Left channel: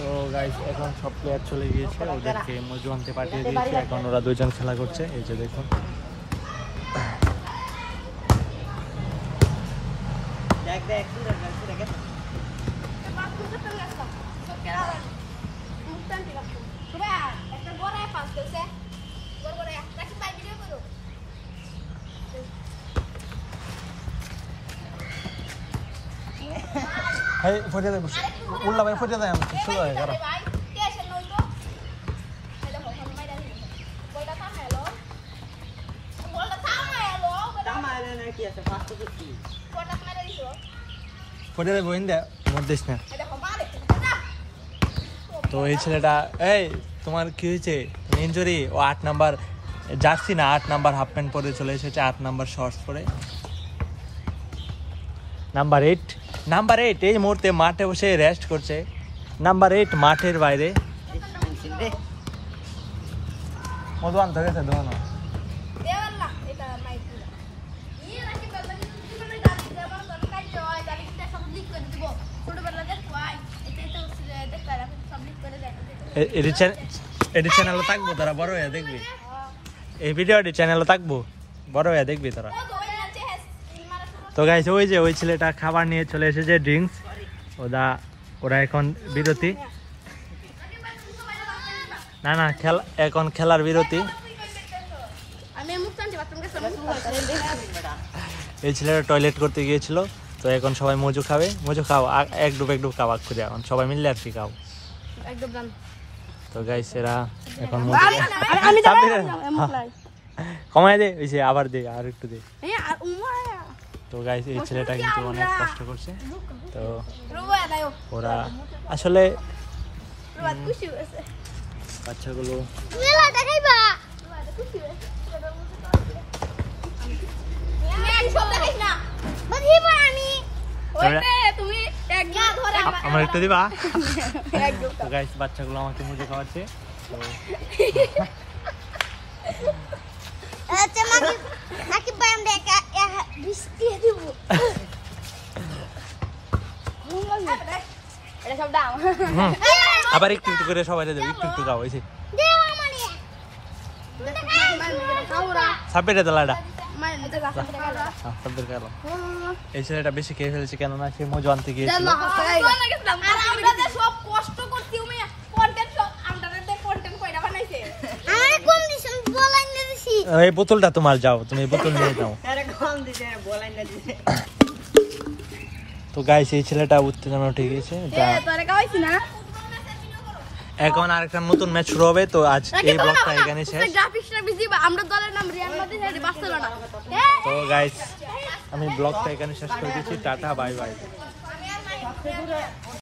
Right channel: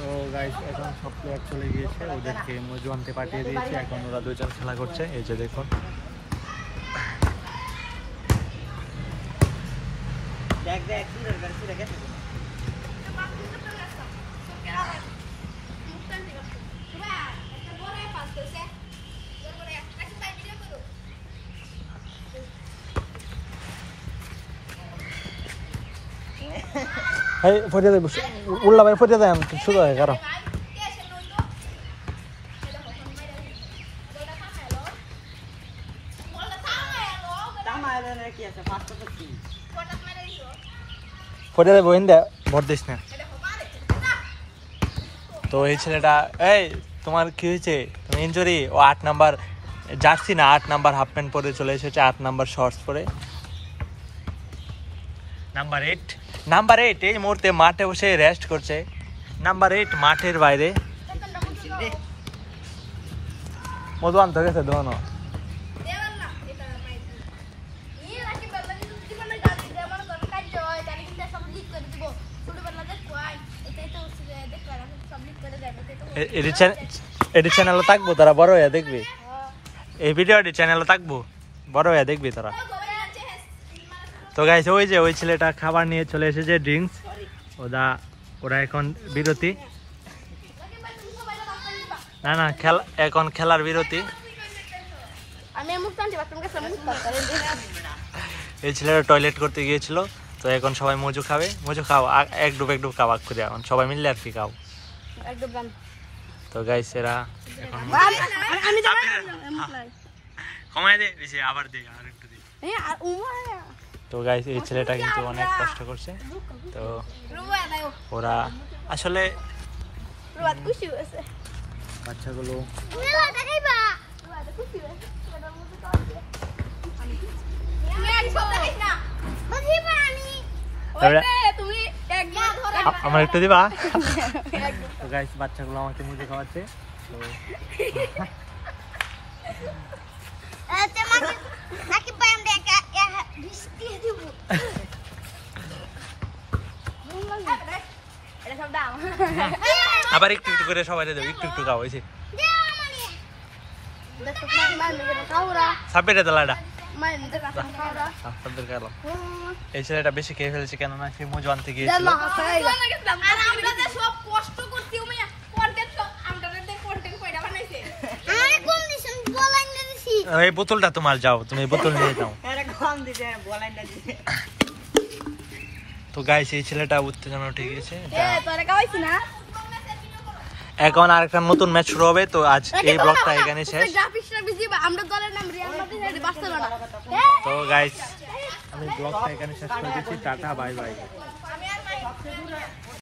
তো গাইস এখন সব প্লেয়ার চলে গিয়েছে, ওদেরকে মজু আনতে পাঠিয়ে দিয়েছে। এখন ওরা দুইজন খেলা করছে, এই যে দেখুন। Hey, foto deh, ulah main foto deh, sudah ya karo. Foto deh bohin deh, mordes na. তো এই ছেলেটা, এই তোমার কি হয়েছে? তুমি ইনজুরি? ও 8 নাম্বার জার্সি না, 8 নাম্বার হাফ প্যান্ট পরে চলে এসেছে, 8 নাম্বার শর্টস পরে। নাম্বার 8 এই মুহূর্তে মাঠে বসে রেস্ট করছে। নাম্বার 8 মাঠের বাইরে। মধু আনতে গেছে দোনো। এডি চ্যানেলে থাকবো, তারা বড় হয়ে দেখবি এই ভিডিওটি, চ্যানেলে থাকবো, বড় হয়ে দেখবি তারা। তো গাইস, ওই ছেলেটা খাবার নিয়ে চলে এসেছে, ড্রিঙ্কস। ওরা এখন বিরতি, না এখন খেলার বিরতি। এই ছেলেটা টয়লেট করতে গিয়েছিল, তো এখন সবাই মজু খাবে। মজু খাও, এক ডুব খাওয়া করে, এখন সবাই মিললে আর কি খাও। তো গাইস, এরা এখন কমায় দে, আবার দে, আর একটু দে। তো গাইস, এই ছেলেটা কিন্তু অনেক কষ্ট করছে। তো ওরা আসলে বাচ্চাগুলো আমার একটু দিবা। তো গাইস, বাচ্চাগুলো আমাকে মুজে খাওয়াচ্ছে। তো আবার একটু একটু করে সবাই দেবো, একটু খাওয়া হয়েছে। সাপেটা দলাটা এই ছেলেটা বেশি খেয়ে ফেলেছে, কেননা সে মজু আনতে গিয়েছিল। এই বোতলটা তোমার, যাও তুমি বোতল নিয়ে যাও। তো গাইস, এই ছেলেটা উত্তেজনা উঠে গিয়েছে। এখন আরেকটা নতুন ম্যাচ শুরু হবে। তো আজ এই ব্লগটা এখানে শেষ। তো গাইস, আমি ব্লগটা এখানে শেষ করে দিচ্ছি। Tata, bye bye.